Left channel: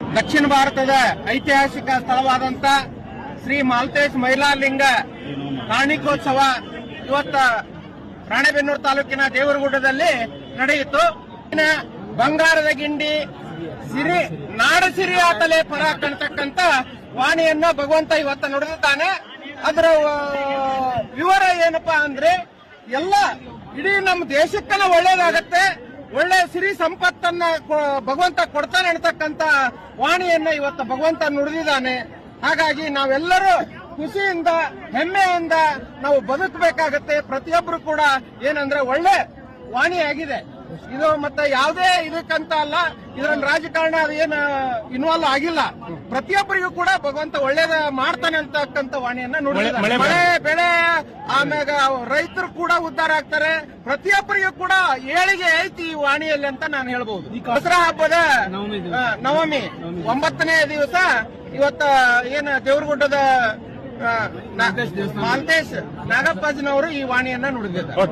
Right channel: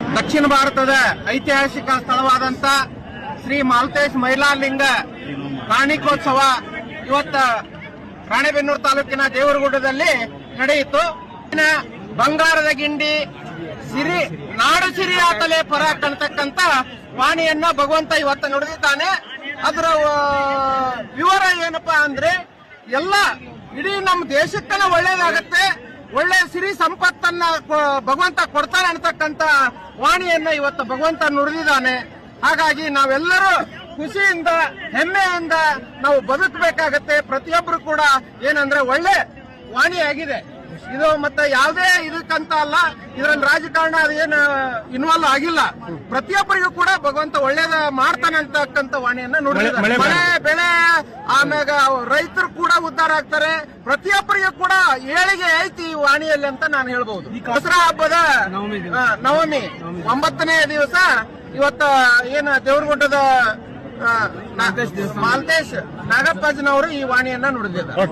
ದಕ್ಷಿಣ ಭಾರತದ ಐತಿಹಾಸಿಕ ಸ್ಥಳವಾದಂತ ಶ್ರೀ ಮಾಲ್ತೇಶ್ ಮೈಲಾರಲಿಂಗ ಕಾಣಿಕೋತ್ಸವ ಇವತ್ತ ರಾಣೆಬೆನ್ನೂರು ತಾಲೂಕಿನ ದೇವರಗುಡ್ಡದಲ್ಲಿ ನಡೆಯಿತು. ಬಂಗಾರದ ಗಿಂಡಿ ಸಿರಿ ನಾಡು ಸಿರಿಯಾತಲೆ ಪರ ಕಾಣತಕ್ಕಂತ ವಾಣಿಯನ್ನ ಭಗವಂತ ಇವತ್ತ ನುಡಿದಿದ್ದಾನೆ. ಅದರ ವಿವರ ಏನಪ್ಪಾ ಅಂದ್ರೆ ಎಲ್ಲ ಇಡೀ ನಮ್ಮ ದೇಶಕ್ಕನ ಒಳ್ಳೇದಾಗತ್ತೆ, ಒಳ್ಳೆ ಸಿರಿ ಸಂಪತ್ತನ್ನ ಭಗವಂತ ಕೊಡ್ತಾನೆ ಅನ್ನತಕ್ಕಂತ ವಾಣಿಯನ್ನ ಇವತ್ತು ಭಗವಂತ ನುಡಿದಿದ್ದಾನೆ. ಹಾಗಾಗಿ ನಾವೆಲ್ಲರೂ ಖುಷಿಯಿಂದ ಹೆಮ್ಮೆಯಿಂದ ನಾವು ಬದುಕಬೇಕಾಗತ್ತೆ. ಪ್ರತಿಯೊಬ್ಬರು ಕೂಡ ಏನಂದ್ರೆ ಒಳ್ಳೆ ವಾಣಿಯಾಗಿದೆ ಇದು. ಮತ್ತೆ ಯಾವುದೇ ಇದಕ್ಕಂತ ಅಲ್ಲ, ಇದರಲ್ಲಿ ರಾಜಕಾರಣ ಅದೇನು ಇನ್ವಾಲ್ವ್ ಆಗಿಲ್ಲ. ಪ್ರತಿಯೊಬ್ಬರಿಗೂ ಕೂಡ ಭಗವಂತ ಒಳ್ಳೇದ ಮಾಡ್ತಾನೆ ಅಂತಕ್ಕಂಥ ವಾಣಿಯನ್ನ ನುಡಿದಿದ್ದಾನೆ. ಮಳೆ ಬೆಳೆ ಆಮ್ಯಾಗ ರೈತರು ಕೂಡ ಉದ್ಧಾರ ಆಗ್ತಾರೆ. ಪ್ರತಿಯೊಬ್ಬರಿಗೂ ಕೂಡ ಏಳಿಗೆ ಐತಿ ಈ ವಾಣಿಯಲ್ಲಿ ಅಂತ ನಾನು ಹೇಳ್ಬಹುದು. ದಸರಾ ಹಬ್ಬದ ನವಮಿ 9ನೇ ದಿವಸ ಇವತ್ತ ಏನು ದೇವರಗುಡ್ಡದ ಮಾಲ್ತೇಶ್ ನಾಗಪ್ಪಾಜಿನವರು ಈ ವಾಣಿಯನ್ನ ನುಡಿದಿದ್ದಾರೆ.